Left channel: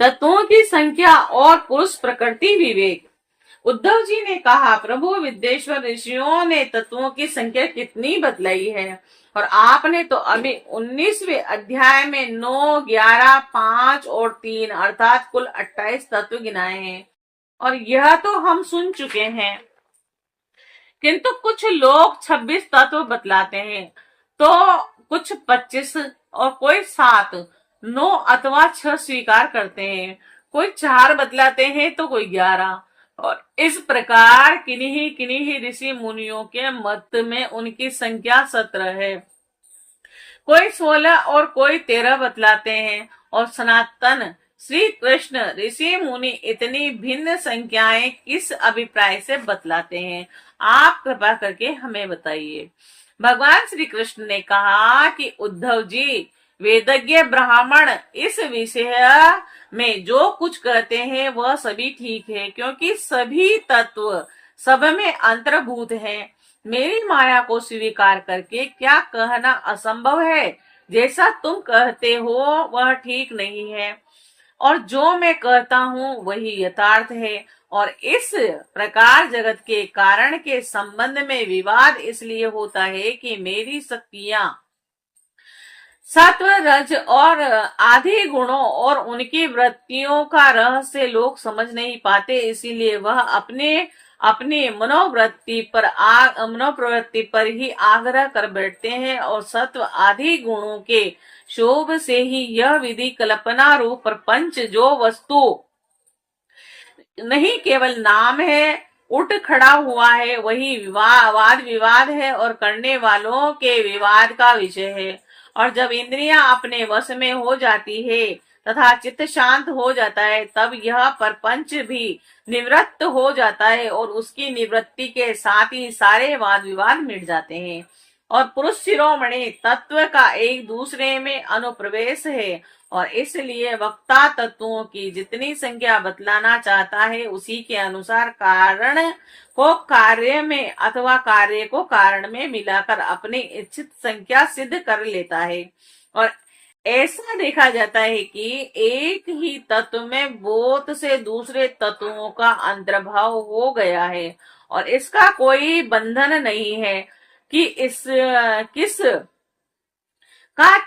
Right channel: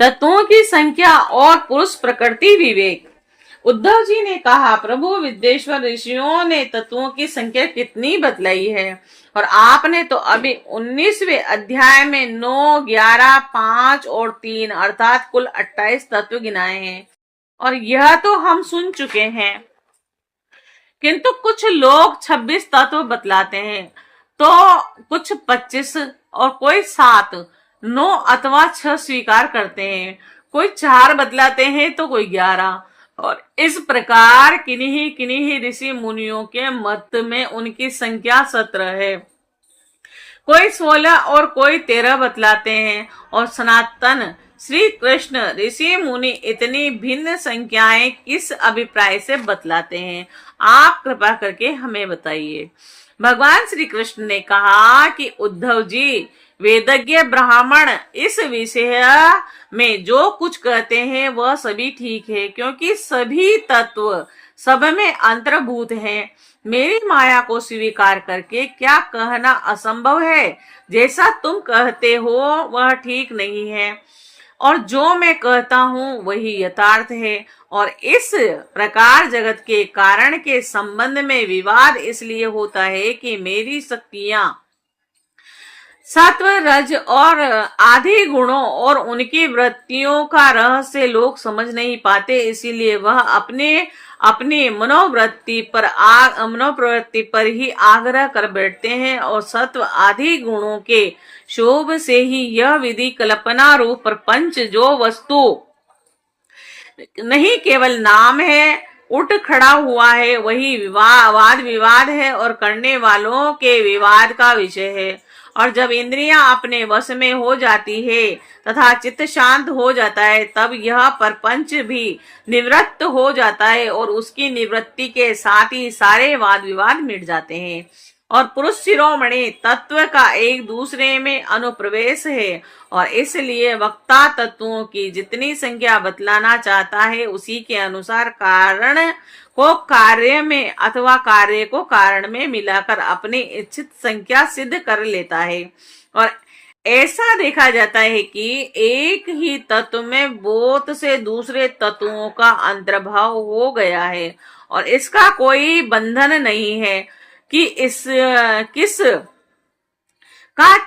तत्वों की संख्या और पुरुष प्रकृति विवेक। उद्धव जी ने कहा, प्रभु विद्येश्वर ऋषियों ने तत्वों की संख्या कितनी बतलाई है, और आपने तो अभी 19वें अध्याय में 9, 11, 5 और 3 अर्थात कुल 28 तत्व गिनाए हैं, और यह तो हम सुन चुके हैं। किंतु कुछ लोग 26 तत्व बतलाते हैं, तो कुछ 25 और कोई 7, 9 अथवा 6 स्वीकार करते हैं, कोई 4 बतलाते हैं तो कोई 11, और इस प्रकार किन्हीं किन्हीं ऋषि मुनियों के मत में उनकी संख्या 17 है, कोई 16 और कोई 13 बतलाते हैं, और सनातन श्री कृष्ण ऋषि मुनि इतनी भिन्न संख्याएं किस अभिप्राय से बतलाते हैं, आप कृपा करके हमें बताइए। भगवान श्री कृष्ण ने कहा कि उद्धव जी, वेदज्ञ ब्राह्मण इस विषय में जो कुछ कहते हैं वह सभी ठीक है, क्योंकि सभी तत्व सब में अंतर्भूत हैं। मेरी माया को स्वीकार करके क्या कहना असंभव है, जैसा तुम कहते हो वह ठीक नहीं है, और जो मैं कहता हूँ वही यथार्थ है। और इस प्रकार जगत के कारण के संबंध में विवाद इसलिए होता है कि मेरी शक्तियां सत्व, रज और आदि गुणों और उनकी वृत्तियों का रहस्य लोग समझ नहीं पाते, इसीलिए वह अपने अपनी मनोप्रवृत्ति पर ही आग्रह कर बैठते हैं, और सत्व आदि गुणों के शोभ से ही यह विधि कल्पना रूप प्रपंच जो वस्तु नहीं केवल नाम है, उठ खड़ा हुआ है, वही वाद विवाद है और करने वालों के विवाद का विषय है। और जब इंद्रियां अपने वश में हो जाती है तथा चित्त शांत हो जाता है, तब यह परपंच भी निवृत्त हो जाता है, और उसकी निवृत्ति के साथ ही सारे वाद विवाद मिट जाते हैं, और पुरुष शिरोमणि तत्व का एक दूसरे में अनुप्रवेश है, और इसलिए वक्ता तत्वों की जितनी संख्या बतलाना चाहता है उसी के अनुसार कारण को कार्य में अथवा कार्य को कारण में मिलाकर अपनी इच्छित संख्या सिद्ध कर लेता है। और ऐसा देखा जाता है कि एक ही तत्व में बहुत से दूसरे तत्वों का अंतर्भाव हो गया है, और इसका कोई बंधन नहीं है कि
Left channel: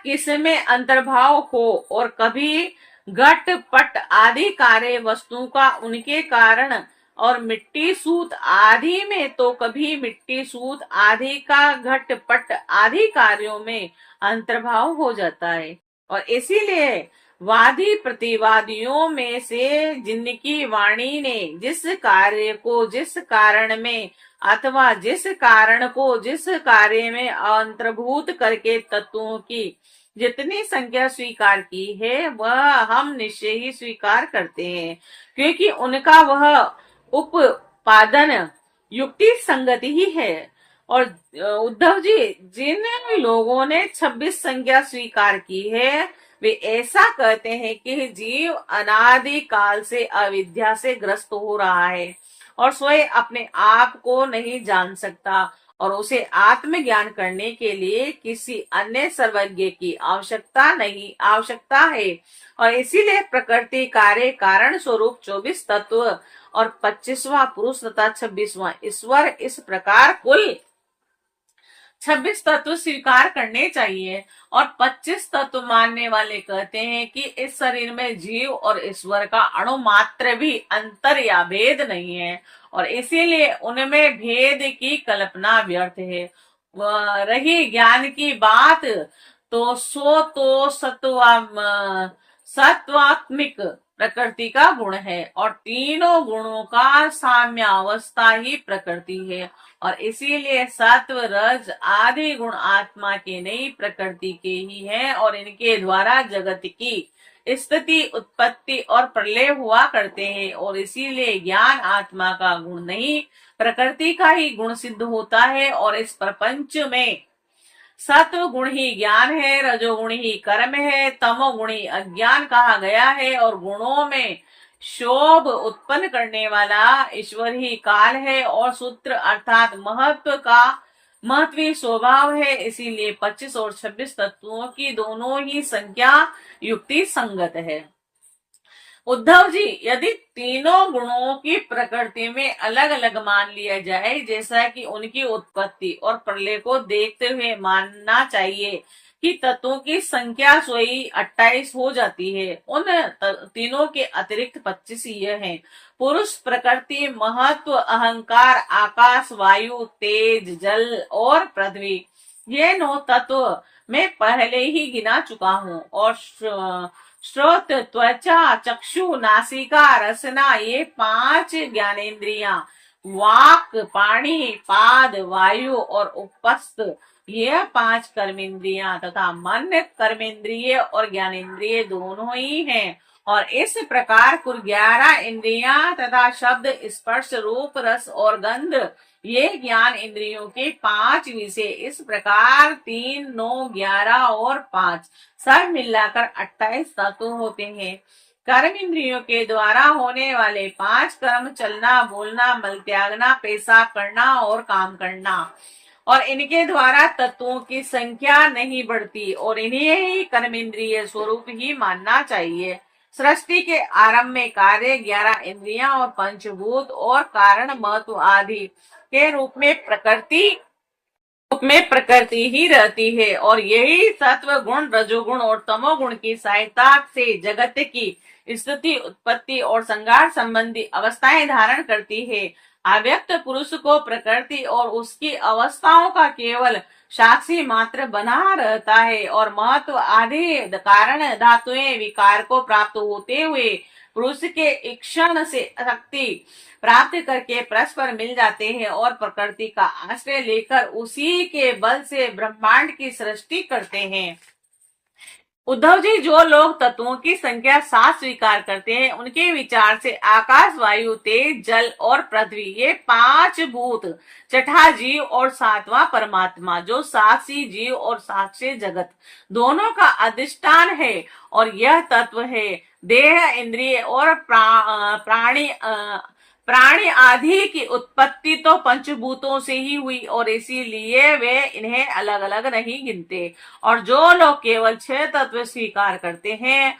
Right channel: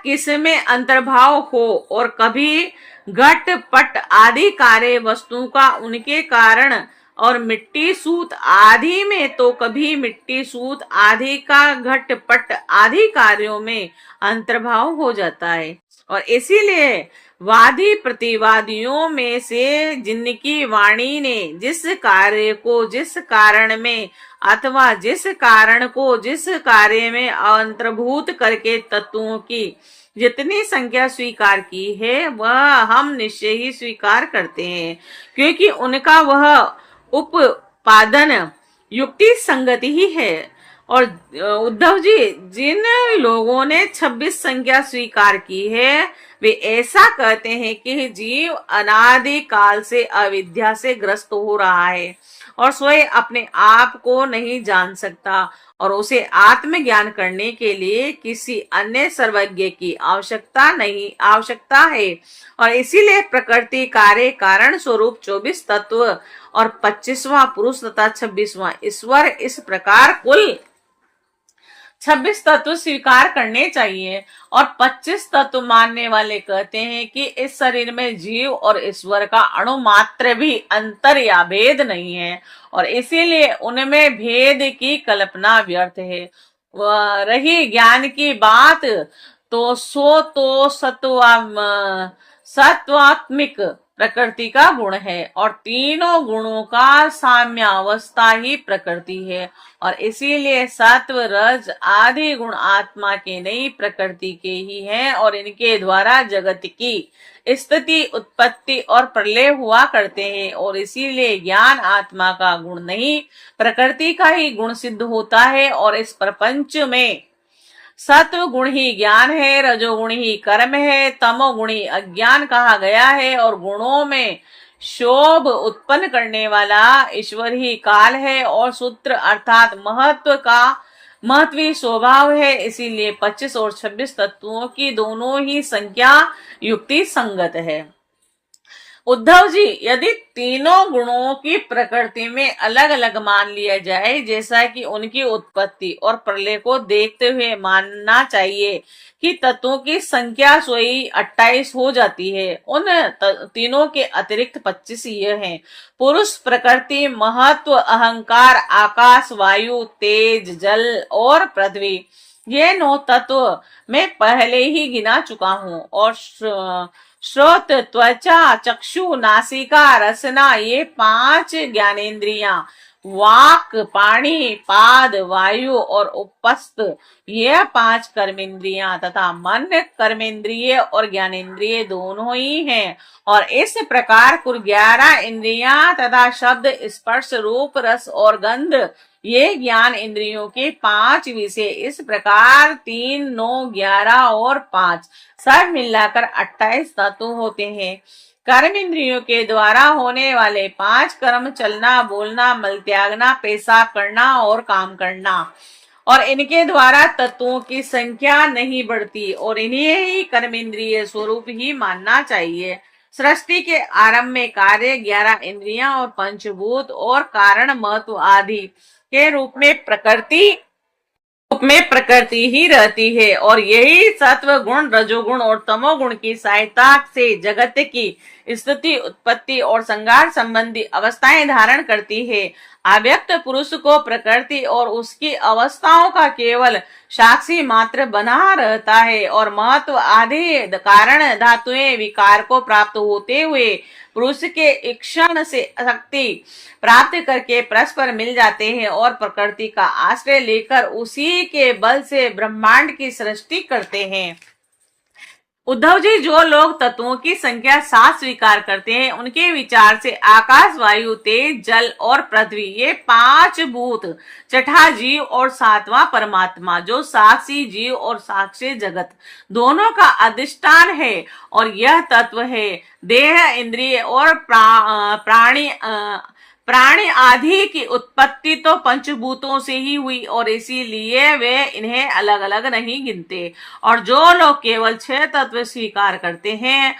किस में अंतर्भाव हो, और कभी घट पट आदि कार्य वस्तु का उनके कारण, और मिट्टी सूत आदि में तो कभी मिट्टी सूत आदि का घट पट आदि कार्यों में अंतर्भाव हो जाता है। और इसीलिए वादी प्रतिवादियों में से जिनकी वाणी ने जिस कार्य को जिस कारण में अथवा जिस कारण को जिस कार्य में अंतर्भूत करके तत्वों की जितनी संख्या स्वीकार की है वह हम निश्चय ही स्वीकार करते हैं, क्योंकि उनका वह उपादन युक्ति संगति ही है। और उद्धव जी, जिन लोगों ने 26 संख्या स्वीकार की है वे ऐसा कहते हैं कि जीव अनादि काल से अविद्या से ग्रस्त हो रहा है और स्वयं अपने आप को नहीं जान सकता, और उसे आत्मज्ञान करने के लिए किसी अन्य सर्वज्ञ की आवश्यकता है। और इसीलिए प्रकृति कार्य कारण स्वरूप 24 तत्व और 25वां पुरुष तथा 26वां ईश्वर, इस प्रकार कुल 26 तत्व स्वीकार करने चाहिए। और 25 तत्व मानने वाले कहते हैं कि इस शरीर में जीव और ईश्वर का अणु मात्र भी अंतर या भेद नहीं है, और इसीलिए उनमें भेद की कल्पना व्यर्थ है। रही ज्ञान की बात, तो सत्वात्मिक प्रकृति का गुण है, और तीनों गुणों का साम्यावस्था ही प्रकृति है, और इसीलिए सत्व रज आदि गुण आत्मा के नहीं प्रकृति के ही हैं, और इनके द्वारा जगत की स्थिति उत्पत्ति और प्रलय हुआ करते हैं, और इसीलिए ज्ञान आत्मा का गुण नहीं प्रकृति का ही गुण सिद्ध होता है। और इस प्रपंच में सत्व गुण ही ज्ञान है, रजोगुण ही कर्म है, तमोगुण ही अज्ञान कहा गया है, और गुणों में शोभ उत्पन्न करने वाला ईश्वर ही काल है, और सूत्र अर्थात महत्वी स्वभाव है। इसीलिए 25 और 26 तत्वों की दोनों ही संख्या युक्ति संगत है। उद्धव जी, यदि तीनों गुणों की प्रकृति में अलग अलग मान लिया जाए, जैसा कि उनकी उत्पत्ति और प्रलय को देखते हुए मानना चाहिए कि तत्वों की संख्या सोई 28 हो जाती है, उन तीनों के अतिरिक्त 25 ये हैं: पुरुष, प्रकृति, महत्व, अहंकार, आकाश, वायु, तेज, जल और पृथ्वी। ये 9 तत्व मैं पहले ही गिना चुका हूँ। और श्रोत, त्वचा, चक्षु, नासिका, रसना, ये 5 ज्ञानेंद्रियां, वाक, पाणी, पाद, वायु और उपस्थ, ये 5 कर्मेंद्रियां तथा मन, कर्मेंद्रिय और ज्ञानेंद्रिय दोनों ही हैं। और इस प्रकार कुल 11 इंद्रियां तथा शब्द, स्पर्श, रूप, रस और गंध, ये ज्ञान इंद्रियों के 5 विषय। इस प्रकार 3, 9, 11 और 5 सब मिलाकर 28 तत्व होते हैं। कर्म इंद्रियों के द्वारा होने वाले 5 कर्म: चलना, बोलना, मल त्यागना, पेशाब करना और काम करना। और इनके द्वारा तत्वों की संख्या नहीं बढ़ती और इन्हें ही कर्मेंद्रिय स्वरूप ही मानना चाहिए। सृष्टि के आरंभ में कार्य 11 इंद्रियां और पंचभूत और कारण महत्व आदि के रूप में प्रकृति ही रहती है, और यही सत्व गुण, रजोगुण और तमोगुण की सहायता से जगत की स्थिति, उत्पत्ति और संघार संबंधी अवस्थाएं धारण करती है। अव्यक्त पुरुष को प्रकृति और उसकी अवस्थाओं का केवल साक्षी मात्र बना रहता है, और महत्व आदि कारण धातुएं विकार को प्राप्त होते हुए पुरुष के इक्षण से शक्ति प्राप्त करके परस्पर मिल जाते हैं और प्रकृति का आश्रय लेकर उसी के बल से ब्रह्मांड की सृष्टि करते हैं। उद्धव जी, जो लोग तत्वों की संख्या 7 स्वीकार करते हैं, उनके विचार से आकाश, वायु, तेज, जल और पृथ्वी, ये 5 भूत, छठा जीव और 7वां परमात्मा, जो साक्षी जीव और साक्षी जगत दोनों का अधिष्ठान है, और यह तत्व है देह, इंद्रिय और प्राणी आदि की उत्पत्ति तो पंचभूतों से ही हुई, और इसीलिए वे इन्हें अलग अलग नहीं गिनते। और जो लोग केवल 6 तत्व स्वीकार करते हैं,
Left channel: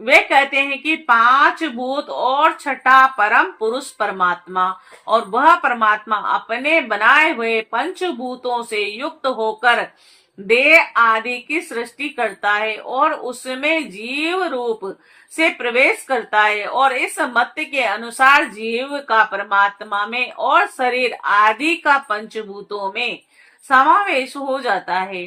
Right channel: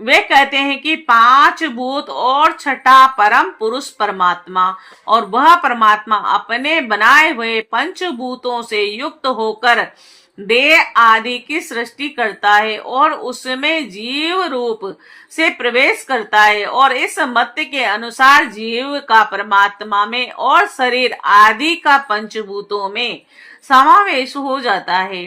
वे कहते हैं कि 5 भूत और छठा परम पुरुष परमात्मा, और वह परमात्मा अपने बनाए हुए पंचभूतों से युक्त होकर देह आदि की सृष्टि करता है और उसमें जीव रूप से प्रवेश करता है, और इस मत के अनुसार जीव का परमात्मा में और शरीर आदि का पंचभूतों में समावेश हो जाता है।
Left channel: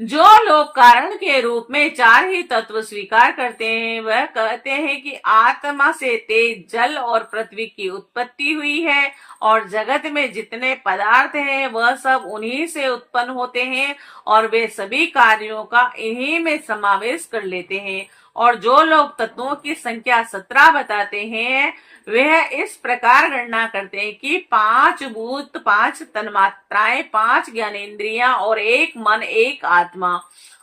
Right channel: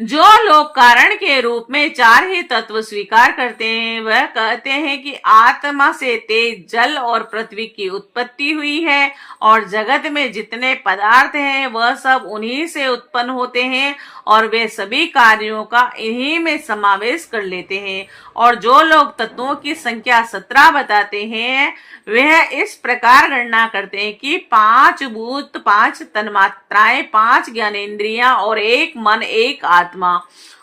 जो लोग कारण के रूप में 4 ही तत्व स्वीकार करते हैं, वह कहते हैं कि आत्मा से तेज, जल और पृथ्वी की उत्पत्ति हुई है, और जगत में जितने पदार्थ हैं वह सब उन्हीं से उत्पन्न होते हैं, और वे सभी कार्यों का इन्हीं में समावेश कर लेते हैं। और जो लोग तत्वों की संख्या 17 बताते हैं, वह इस प्रकार गणना करते हैं कि 5 भूत, 5 तन्मात्राएं, 5 ज्ञानेंद्रियां और 1 मन, 1 आत्मा।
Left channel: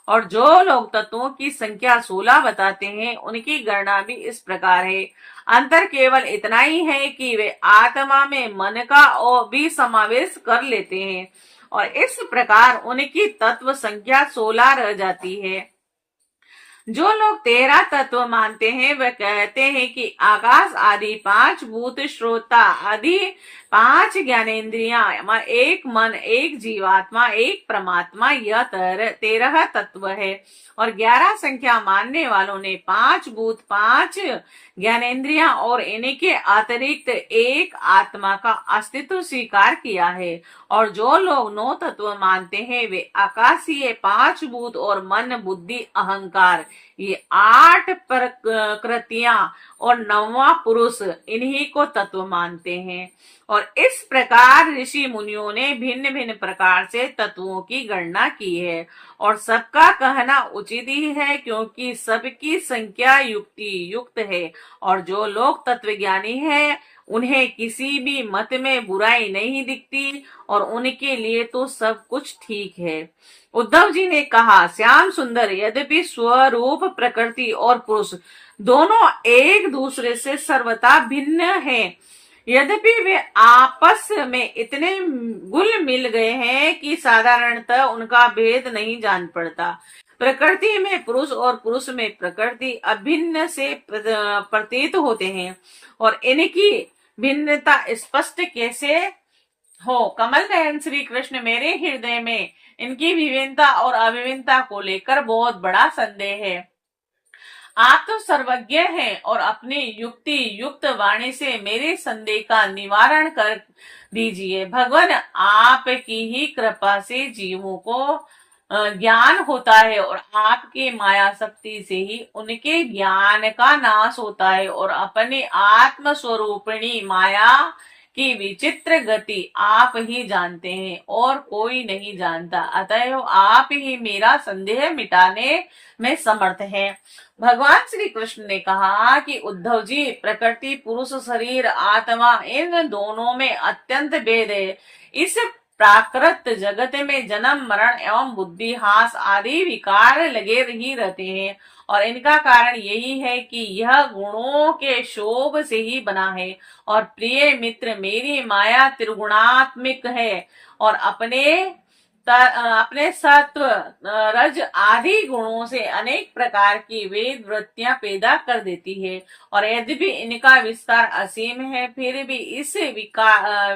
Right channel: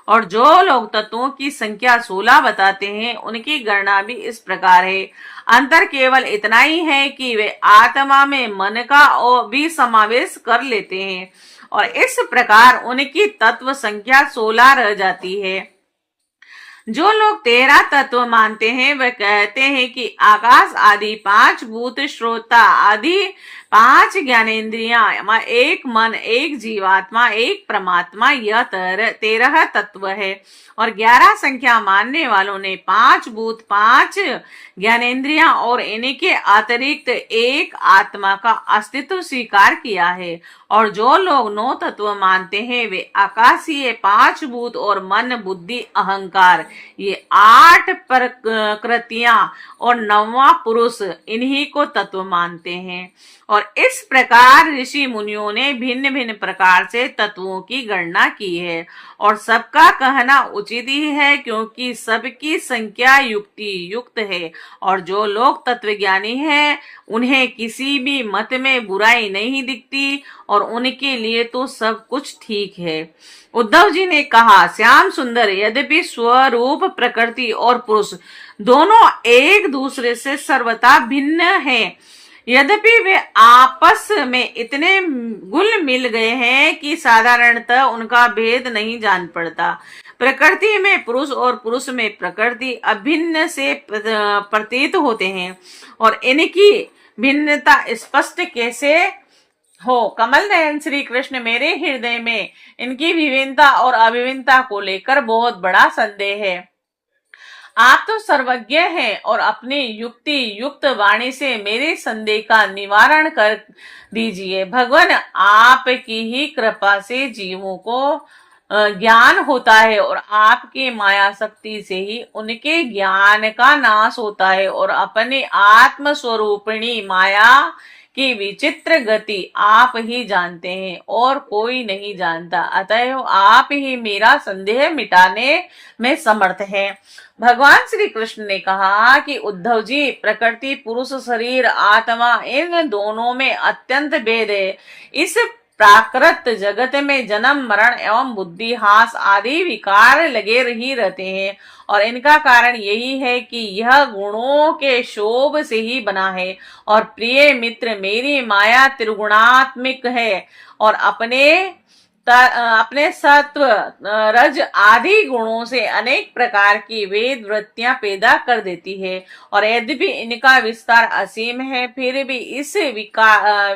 और जो लोग तत्वों की संख्या 16 बताते हैं, उनकी गणना भी इस प्रकार है। अंतर केवल इतना ही है कि वे आत्मा में मन का और भी समावेश कर लेते हैं, और इस प्रकार उनकी तत्व संख्या 16 रह जाती है। जो लोग 13 तत्व मानते हैं, वह कहते हैं कि आकाश आदि 5 भूत, श्रोता आदि 5 ज्ञानेंद्रियां, 1 मन, 1 जीवात्मा, 1 परमात्मा, यह 13 तत्व है। और 11 संख्या मानने वालों ने 5 भूत, 5 ज्ञानेंद्रियां और इनके अतिरिक्त 1 आत्मा का अस्तित्व स्वीकार किया है। और जो लोग 9 तत्व मानते हैं, वे आकाशीय 5 भूत और मन, बुद्धि, अहंकार, ये 8 प्रकृतियां और 9वां पुरुष, इन्हीं को तत्व मानते हैं। और इस प्रकार ऋषि मुनियों ने भिन्न भिन्न प्रकार से तत्वों की गणना की है, और सबका कहना उचित ही है, क्योंकि सबकी संख्या युक्ति युक्त है। और जो लोग तत्वज्ञानी हैं, उन्हें किसी भी मत में बुराई नहीं दिखती, और उनके लिए तो सब कुछ ठीक है। उद्धव जी ने कहा, श्याम सुंदर, यद्यपि स्वरूप प्रकृति और पुरुष दोनों एक दूसरे से सर्वथा भिन्न हैं, यद्यपि वे आपस में इतने घुल मिल गए हैं कि साधारणतः उनका भेद नहीं जान पड़ता। प्रकृति में पुरुष और पुरुष में प्रकृति अभिन्न से प्रतीत होते हैं, और इनकी भिन्नता स्पष्ट कैसे हो। कमल नयन श्री कृष्ण, मेरे हृदय में इनकी विभिन्नता और अभिन्नता को लेकर बहुत बड़ा संदेह है। आप तो सर्वज्ञ हैं और अपनी युक्ति युक्त वाणी से मेरे संदेह का निवारण कर दीजिए। भगवान, आपकी ही कृपा से जीवों को ज्ञान होता है, और आपकी माया शक्ति से ही उनके ज्ञान का नाश होता है, और अपने आत्म स्वरूपिणी माया की विचित्र गति आप ही जानते हैं और कोई नहीं जानता। अतएव आप ही मेरा संदेह मिटाने में समर्थ हैं। भगवान श्री कृष्ण ने कहा कि उद्धव जी, प्रकृति, पुरुष, शरीर, आत्मा, इन दोनों में अत्यंत भेद है। इस प्राकृत जगत में जन्म, मरण एवं बुद्धि हास आदि विकार लगे ही रहते हैं, और इनका कारण यही है कि यह गुणों के शोभ से ही बना है। और प्रिय मित्र, मेरी माया त्रिगुणात्मिक है और अपने सत्व, रज आदि गुणों से अनेक प्रकार की वेद वृत्तियां पैदा कर देती है, और यद्यपि इनका विस्तार असीम है, फिर भी इस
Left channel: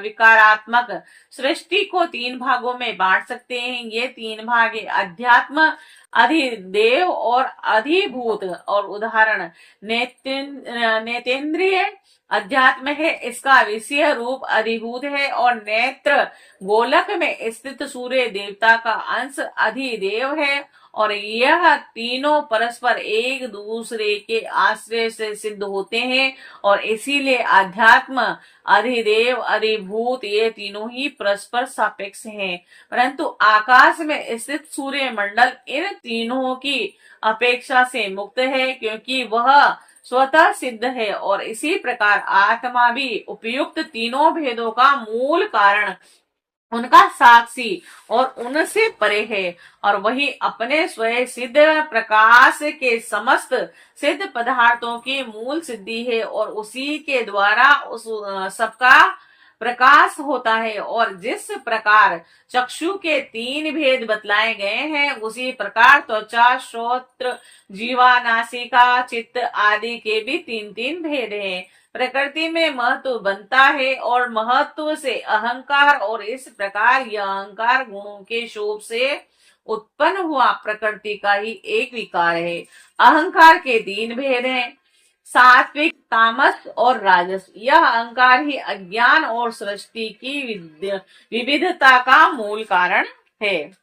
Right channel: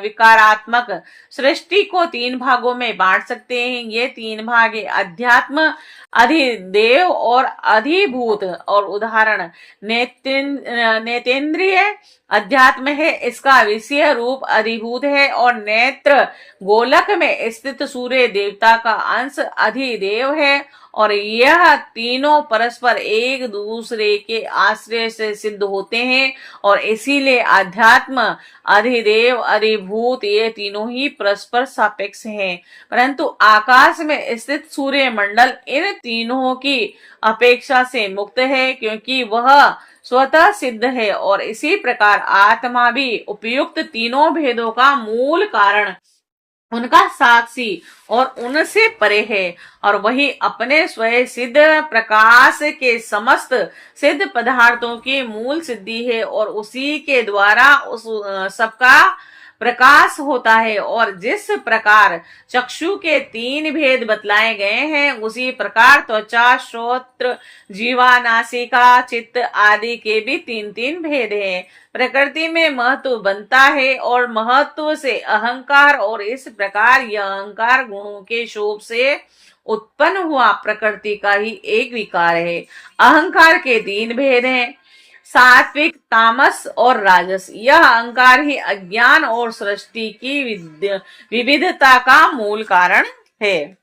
विकारात्मक सृष्टि को 3 भागों में बांट सकते हैं। ये 3 भाग अध्यात्म, अधिदेव और अधिभूत। और उदाहरण, नेतेंद्रिय अध्यात्म है, इसका विषय रूप अधिभूत है, और नेत्र गोलक में स्थित सूर्य देवता का अंश अधिदेव है, और यह तीनों परस्पर एक दूसरे के आश्रय से सिद्ध होते हैं, और इसीलिए अध्यात्म, अधिदेव, अधिभूत ये तीनों ही परस्पर सापेक्ष हैं। परंतु आकाश में स्थित सूर्य मंडल इन तीनों की अपेक्षा से मुक्त है, क्योंकि वह स्वतः सिद्ध है, और इसी प्रकार आत्मा भी उपयुक्त तीनों भेदों का मूल कारण, उनका साक्षी और उनसे परे है, और वही अपने स्वयं सिद्ध प्रकाश के समस्त सिद्ध पदार्थों की मूल सिद्धि है, और उसी के द्वारा उस सबका प्रकाश होता है। और जिस प्रकार चक्षु के 3 भेद बतलाए गए हैं, उसी प्रकार त्वचा, श्रोत्र, जीवा, नासिका, चित्त आदि के भी 3-3 भेद हैं। प्रकृति में महत्व बनता है और महत्व से अहंकार, और इस प्रकार यह अहंकार गुणों के शोभ से उत्पन्न हुआ प्रकृति का ही एक विकार है। अहंकार के 3 भेद हैं, सात्विक, तामस और राजस। यह अहंकार ही अज्ञान और सृष्टि की विविधता का मूल कारण है।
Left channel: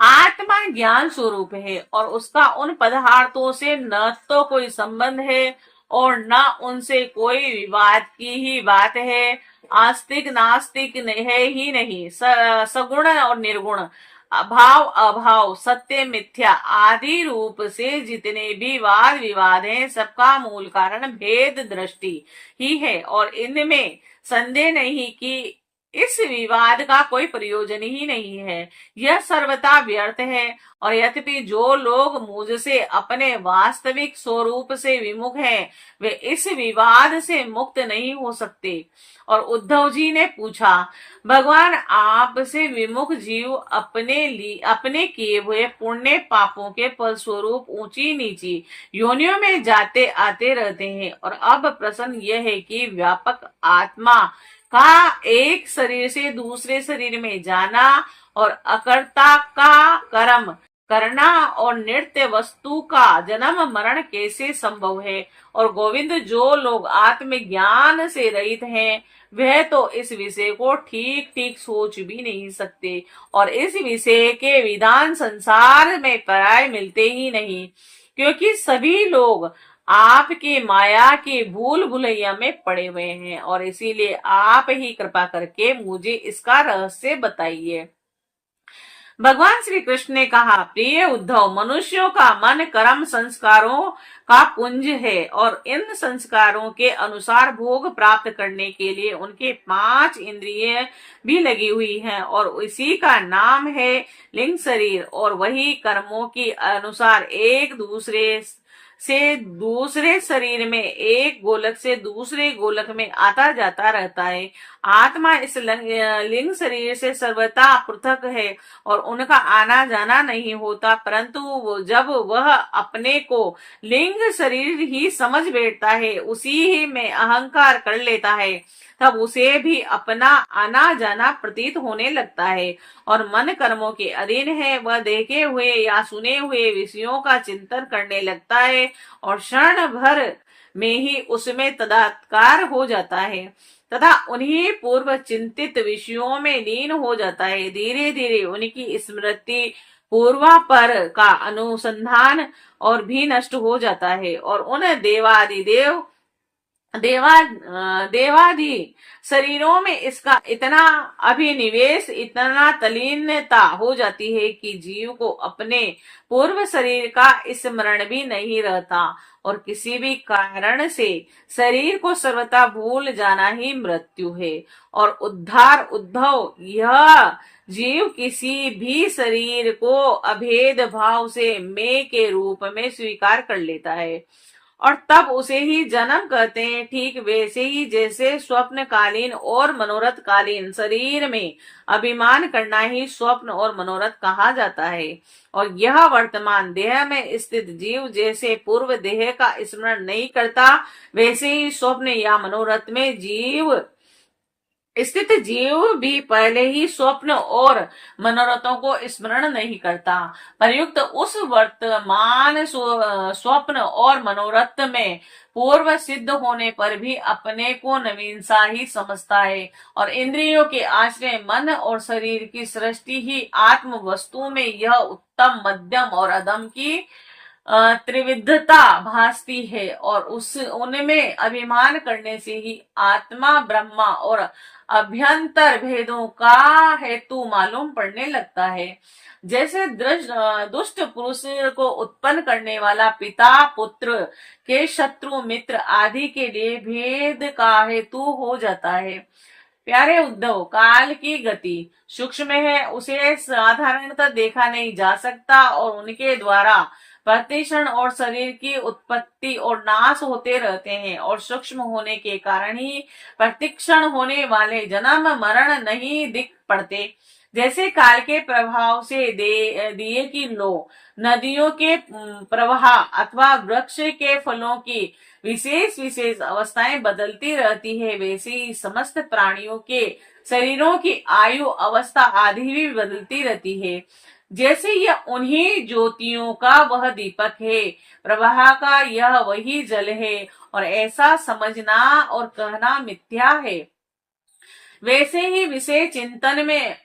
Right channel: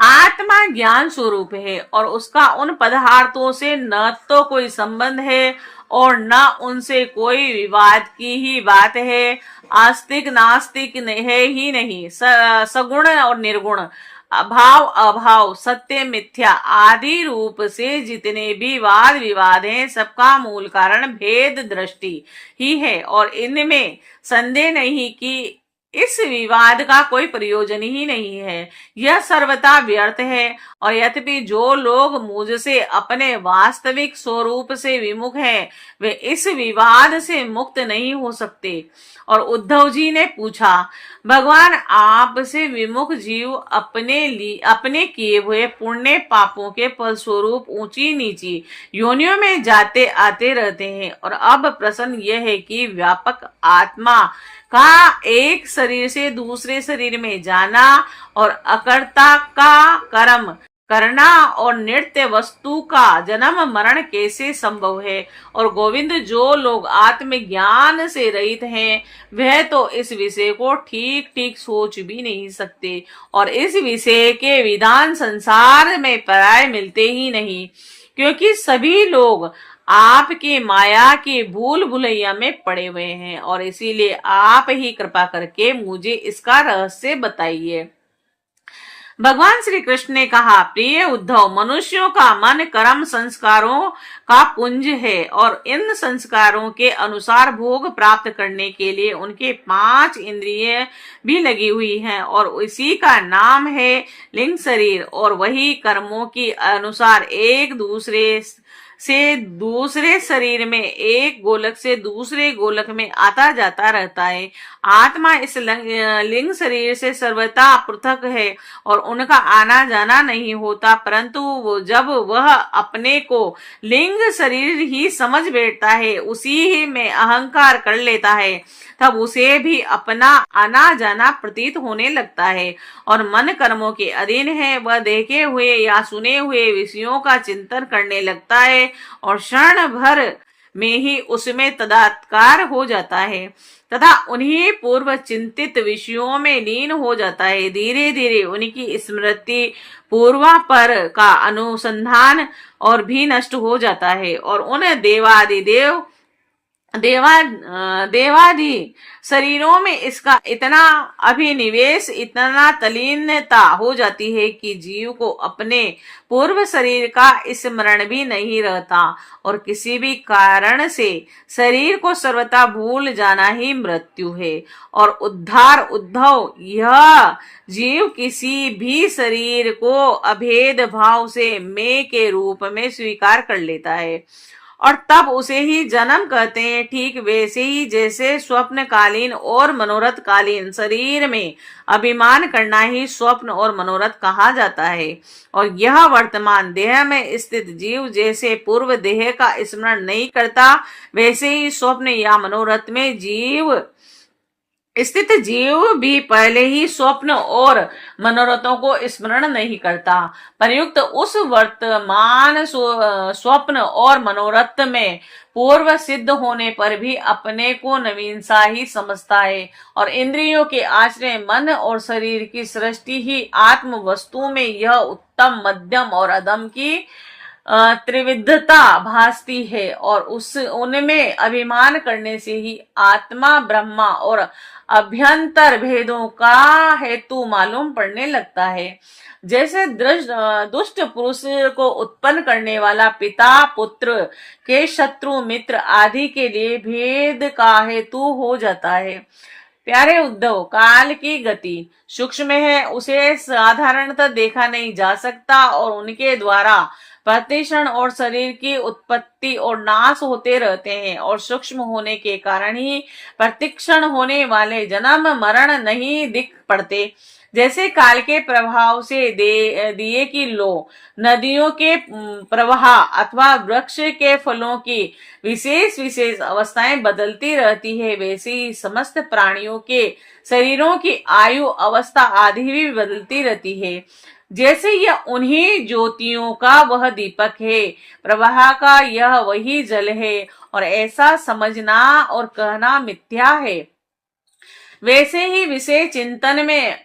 आत्मा ज्ञान स्वरूप है, और उसका उन पदार्थों से न तो कोई संबंध है और न उनसे कोई विवाद की ही बात है। आस्तिक नास्तिक है ही नहीं, सगुण और निर्गुण, अभाव अभाव, सत्य मिथ्या आदि रूप से जितने भी वाद विवाद हैं, सबका मूल कारण भेद दृष्टि ही है, और इनमें संदेह नहीं कि इस विवाद का कोई प्रयोजन ही नहीं है। यह सर्वथा व्यर्थ है, और यद्यपि जो लोग मुझसे अपने वास्तविक स्वरूप से विमुख हैं, वे इस विवाद से मुक्त नहीं हो सकते। और उद्धव जी ने पूछा, भगवान, आपसे विमुख जीव अपने किए हुए पुण्य पापों के फलस्वरूप ऊंची नीची योनियों में जाते आते रहते हैं, और अब प्रश्न यह है कि व्यापक आत्मा का एक शरीर से दूसरे शरीर में जाना, और अकर्ता का कर्म करना, और नित्य वस्तु का जन्म मरण कैसे संभव है। और गोविंद, जो लोग आत्मज्ञान से रहित हैं, वह तो इस विषय को ठीक ठीक सोच भी नहीं सकते, और इस विषय के विधान संसार में प्राय मिलते ही नहीं, क्योंकि सभी लोग आपकी माया की भूल भुलैया में पड़े हुए हैं, और इसीलिए आप ही कृपा करके मुझे इसका रहस्य बताइए। भगवान श्री कृष्ण ने कहा, प्रिय उद्धव, मनुष्यों का मन कर्म संस्कारों का पुंज है, और इन संस्कारों के अनुसार भोग प्राप्त करने के लिए उनके 5 इंद्रिय भी लगी हुई हैं, और इसी का नाम है लिंग शरीर। और वही कर्मों के अनुसार एक दूसरे से दूसरे शरीर में, एक गोलक से दूसरे गोलक में आता जाता रहता है। आत्मा इस लिंग शरीर से सर्वथा पृथक है और उनका आना जाना नहीं होता, परंतु जब वह अपने को लिंग शरीर ही समझ बैठता है, उसी ही में अहंकार कर लेता है, तब उसे भी अपना आना जाना प्रतीत होने लगता है और मन कर्मों के अधीन है। वह देखे हुए या सुने हुए विषयों का चिंतन करने लगता है और क्षण भर में ही उसमें तदात्कार हो जाता है तथा उन्हीं पूर्व चिंतित विषयों में लीन हो जाता है। धीरे धीरे उनकी स्मृति पूर्वापर का अनुसंधान और भी नष्ट हो जाता है और उन देवादि शरीरों में इसका इतना अभिनिवेश, इतना तल्लीनता हो जाती है कि जीव को अपने पूर्व शरीर का स्मरण भी नहीं रहता और किसी भी कारण से शरीर को सर्वथा भूल जाना ही मृत्यु है। और उद्धव, यह जीव किसी भी शरीर को अभेद भाव से मैं के रूप में स्वीकार कर लेता है और तब उसे ही जन्म कहते हैं। ठीक वैसे ही जैसे स्वप्नकालीन और मनोरथकालीन शरीर में अभिमान करना ही स्वप्न और मनोरथ कहा जाता है और यह वर्तमान देह में स्थित जीव जैसे पूर्व देह का स्मरण नहीं करता, वैसे ही स्वप्न या मनोरथ में स्थित जीव भी पहले ही स्वप्न और मनोरथों को स्मरण नहीं करता। प्रयुक्त उस वर्तमान स्वप्न और मनोरथ में पूर्व सिद्ध होने पर भी अपने को नवीन सा ही समझता है और इंद्रियों के आश्रय मन और शरीर की सृष्टि ही आत्म वस्तु में यह उत्तम, मध्यम और अधम की त्रिविधता भासती है और उनमें अभिमान करने से ही आत्मा, ब्रह्मा और अभ्यंतर भेदों का हेतु मालूम पड़ने लगता है। जैसे दुष्ट पुरुष को उत्पन्न करने वाला पिता पुत्र के शत्रु मित्र आदि के लिए भेद का हेतु हो जाता है। प्यारे उद्धव, काल की गति सूक्ष्म है, उसे साधारणतः देखा नहीं जा सकता और उनके द्वारा प्रतिक्षण और शरीर की उत्पत्ति और नाश होते रहते हैं और सूक्ष्म होने के कारण ही प्रतिक्षण होने वाले जन्म मरण नहीं दिख पड़ते। जैसे काल के प्रभाव से दिए की लो, नदियों के प्रवाह अथवा वृक्ष के फलों की विशेष विशेष अवस्थाएं बदलती रहती है, वैसे ही समस्त प्राणियों के शरीरों की आयु अवस्था आदि भी बदलती रहती है। जैसे यह उन्हीं ज्योतियों का वह दीपक है, प्रवाह का यह वही जल है और ऐसा समझना और कहना मिथ्या है, वैसे ही विषय चिंतन में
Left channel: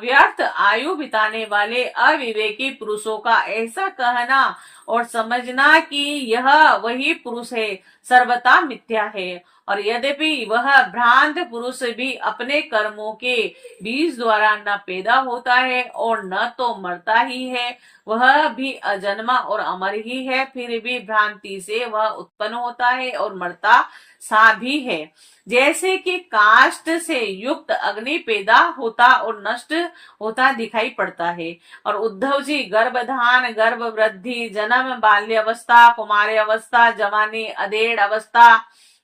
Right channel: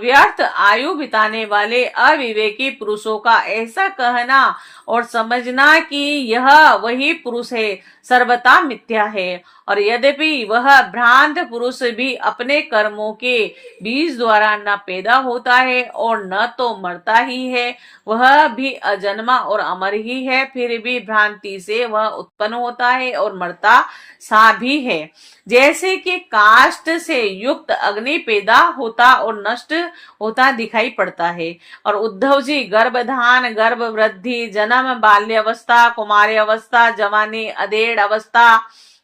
व्यर्थ आयु बिताने वाले अविवेकी पुरुषों का ऐसा कहना और समझना कि यह वही पुरुष है सर्वथा मिथ्या है। और यद्यपि वह भ्रांत पुरुष भी अपने कर्मों के बीज द्वारा न पैदा होता है और न तो मरता ही है, वह भी अजन्मा और अमर ही है, फिर भी भ्रांति से वह उत्पन्न होता है और मरता सा भी है। जैसे कि काष्ठ से युक्त अग्नि पैदा होता और नष्ट होता दिखाई पड़ता है। और उद्धव जी, गर्भधान, गर्भ वृद्धि, जन्म, बाल्य अवस्था, कुमारी अवस्था, जवानी, अधेड़ अवस्था,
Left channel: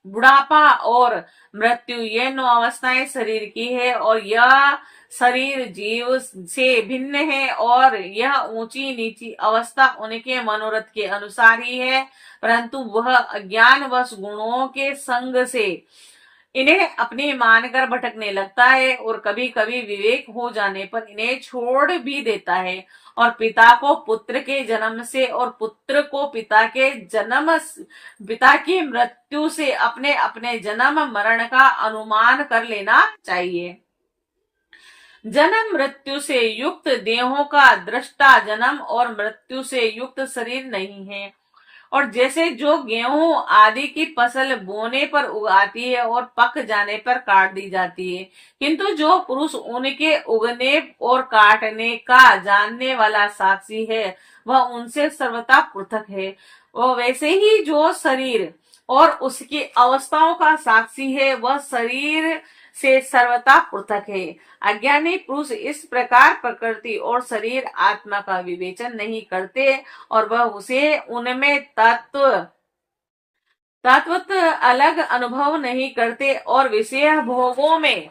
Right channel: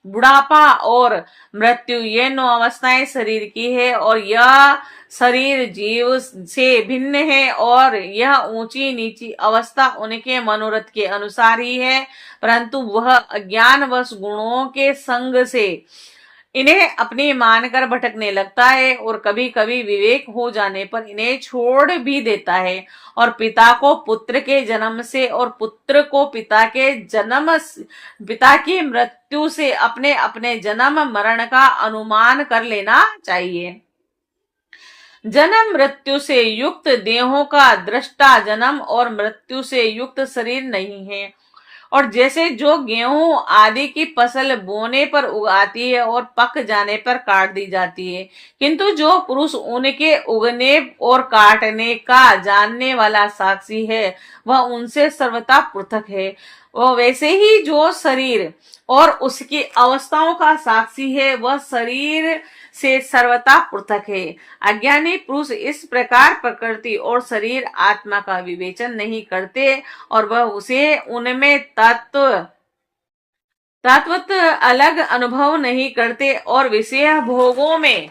बुढ़ापा और मृत्यु, ये 9 अवस्थाएं शरीर की है और यह शरीर जीव से भिन्न है और यह ऊंची नीची अवस्था उनके मनोरथ के अनुसार ही है, परंतु वह अज्ञानवश गुणों के संग से इन्हें अपनी मानकर भटकने लगता है और कभी कभी विवेक हो जाने पर इन्हें छोड़ भी देता है और पिता को पुत्र के जन्म से और पुत्र को पिता की मृत्यु से अपने अपने जन्म मरण का अनुमान कर लेना चाहिए। जन्म मृत्यु से युक्त देहों का दृष्टा जन्म और मृत्यु से युक्त शरीर नहीं है। और जैसे जो गेहूं आदि की फसल बोने पर उगाती है और पक जाने पर काट दी जाती है, किंतु जो पुरुष उनके उगने और काटने का जानने वाला साक्षी है, वह उनसे सर्वथा पृथक है। वह वैसे ही जो शरीर और उसकी अवस्थाओं का साक्षी है, वह शरीर से सर्वथा पृथक है। अज्ञानी पुरुष इस प्रकार प्रकृति और शरीर आत्मा का विवेचन नहीं करते और वह उसे उनमें तत्वत अलग अनुभव नहीं करते और विषय भोगों में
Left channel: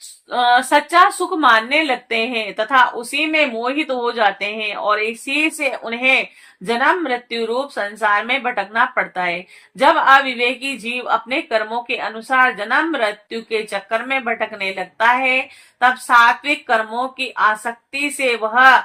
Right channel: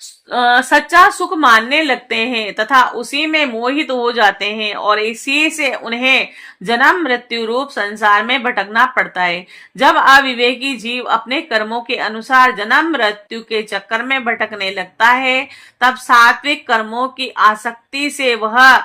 सच्चा सुख मानने लगते हैं तथा उसी में मोहित हो जाते हैं और इसी से उन्हें जन्म मृत्यु रूप संसार में भटकना पड़ता है। जब अविवेकी जीव अपने कर्मों के अनुसार जन्म मृत्यु के चक्कर में भटकने लगता है, तब सात्विक कर्मों की आसक्ति से वह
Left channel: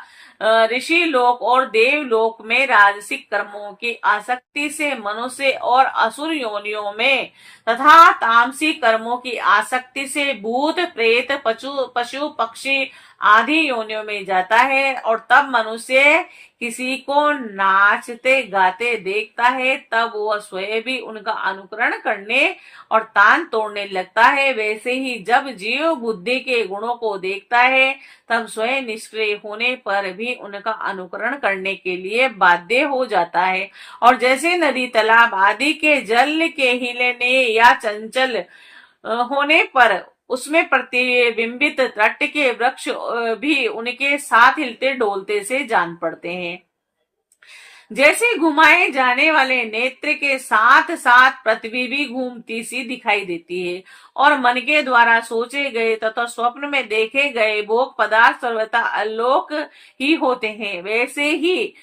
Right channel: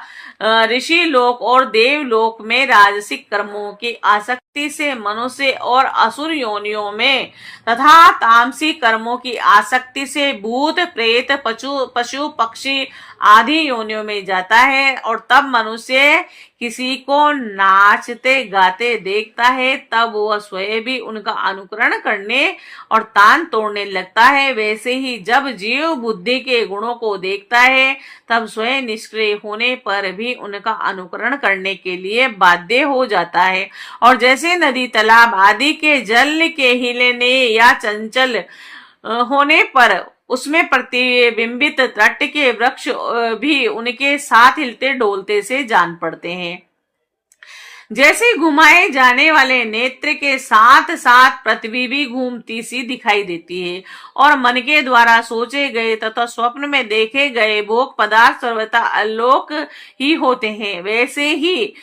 ऋषि लोक और देवलोक में, राजसिक कर्मों की आसक्ति से मनुष्य और असुर योनियों में तथा तामसिक कर्मों की आसक्ति से भूत प्रेत पशु पक्षी आदि योनियों में जाता है। और तब मनुष्य किसी को नाचते गाते देखता है, तब वह स्वयं भी उनका अनुकरण करने और तान तोड़ने लगता है। वैसे ही जब जीव बुद्धि के गुणों को देखता है, तब स्वयं निष्क्रिय होने पर भी उनका अनुकरण करने के लिए बाध्य हो जाता है। और जैसे नदी तालाब आदि के जल के हिलने या चंचल होने पर उसमें प्रतिबिंबित तट के वृक्ष भी उनके साथ हिलते डोलते से जान पड़ते हैं। जैसे घुमाए जाने वाले नेत्र के साथ साथ पृथ्वी भी घूमती सी दिखाई देती है और मन के द्वारा सोचे गए तथा स्वप्न में देखे गए भोग पदार्थ सर्वथा आलोक ही होते हैं, वैसे ही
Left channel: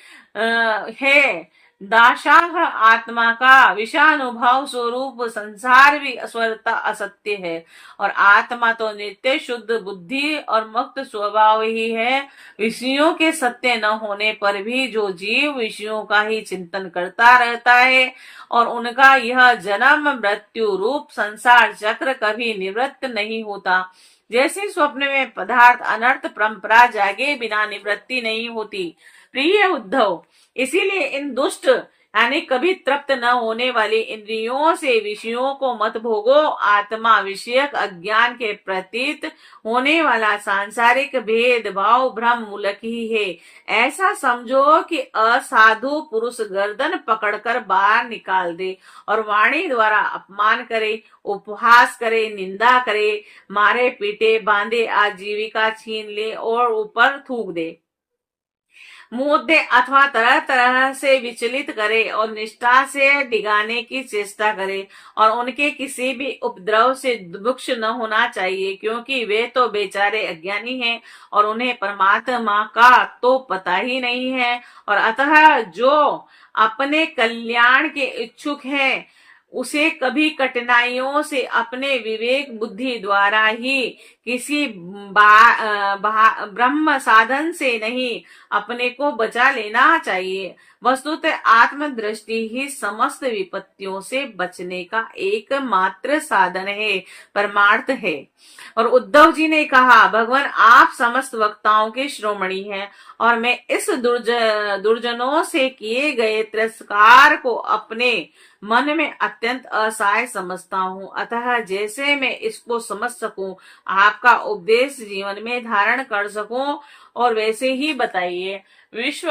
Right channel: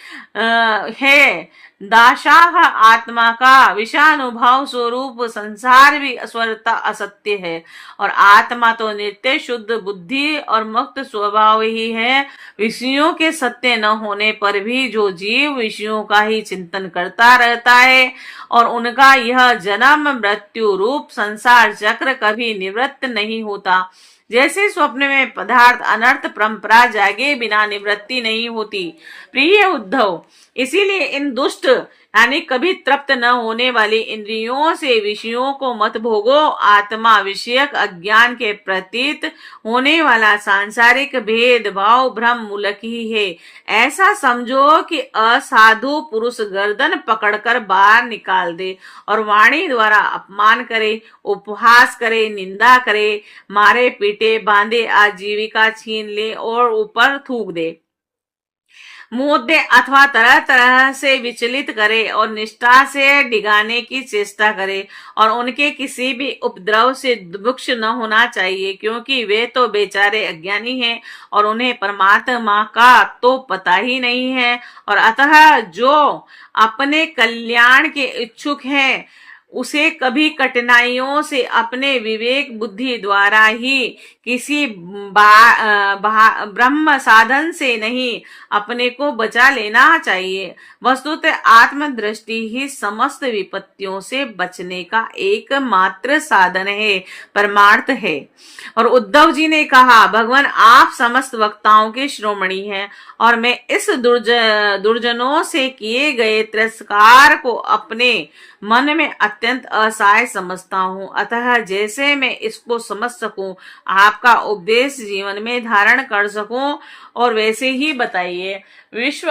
है दाशाह आत्मा का विषानुभव स्वरूप संसार भी अस्वरता असत्य है और आत्मा तो नित्य शुद्ध बुद्धि और मुक्त स्वभाव ही है। विषयों के सत्य न होने पर भी जो जीव विषयों का ही चिंतन करता रहता है और उनका यह जन्म मृत्यु रूप संसार चक्र कभी निवृत्त नहीं होता। जैसे स्वप्न में पदार्थ अनर्थ परंपरा जागे बिना निवृत्ति नहीं होती। प्रिय उद्धव, इसीलिए इन दुष्ट यानी कभी तृप्त न होने वाली इंद्रियों से विषयों को मत भोगो। आत्मा विषयक अज्ञान के प्रतीत होने वाला सांसारिक भेद भाव भ्रम मूलक ही है। ऐसा समझो कि असाधु पुरुष गर्दन पकड़कर बाहर निकाल दे और वाणी द्वारा अपमान करे, उपहास करे, निंदा करे, मारे पीटे, बांधे, आजीविका छीन ले और ऊपर थूक दे, मुद्दे अथवा तरह तरह से विचलित करे और निष्ठा से डिगाने की चेष्टा करे और उनके किसी भी उपद्रव से दुख न होना चाहिए, क्योंकि वे तो बेचारे अज्ञानी हैं और उन्हें परमात्मा का तो पता ही नहीं है। और अतः जो अपने कल्याण के इच्छुक हैं उसे कभी कठिनाइयों से अपने विवेक बुद्धि द्वारा ही किसी ब्रह्म साधन से नहीं अपने को बचा लेना चाहिए। वस्तुतः आत्मदृष्टि ही समस्त विपत्तियों से बचने का एकमात्र साधन है, परमार्थ है। और उद्धव जी ने कहा, भगवान आप समस्त वक्ताओं के शिरोमणि हैं और मैं इस दुर्जनों से किए गए तिरस्कार को अपने मन में अत्यंत असहाय समझता हूँ। अतः जैसे मैं इसको समझ सकूं, आपका उपदेश जीवन में धारण कर सकूं, और वैसे ही बताइए। विश्व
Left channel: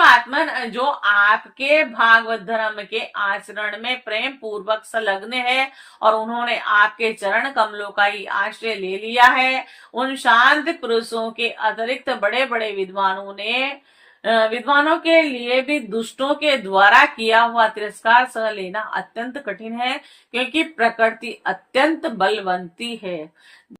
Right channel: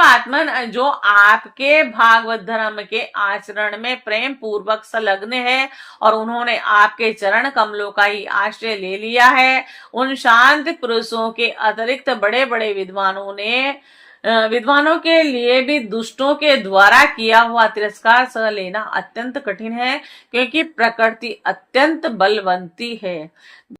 आत्मन जो आपके भागवत धर्म के आचरण में प्रेम पूर्वक संलग्न है और उन्होंने आपके चरण कमलों का ही आश्रय ले लिया है, उन शांत पुरुषों के अतिरिक्त बड़े बड़े विद्वानों के लिए भी दुष्टों के द्वारा किया हुआ तिरस्कार सह लेना अत्यंत कठिन है, क्योंकि प्रकृति अत्यंत बलवंती है।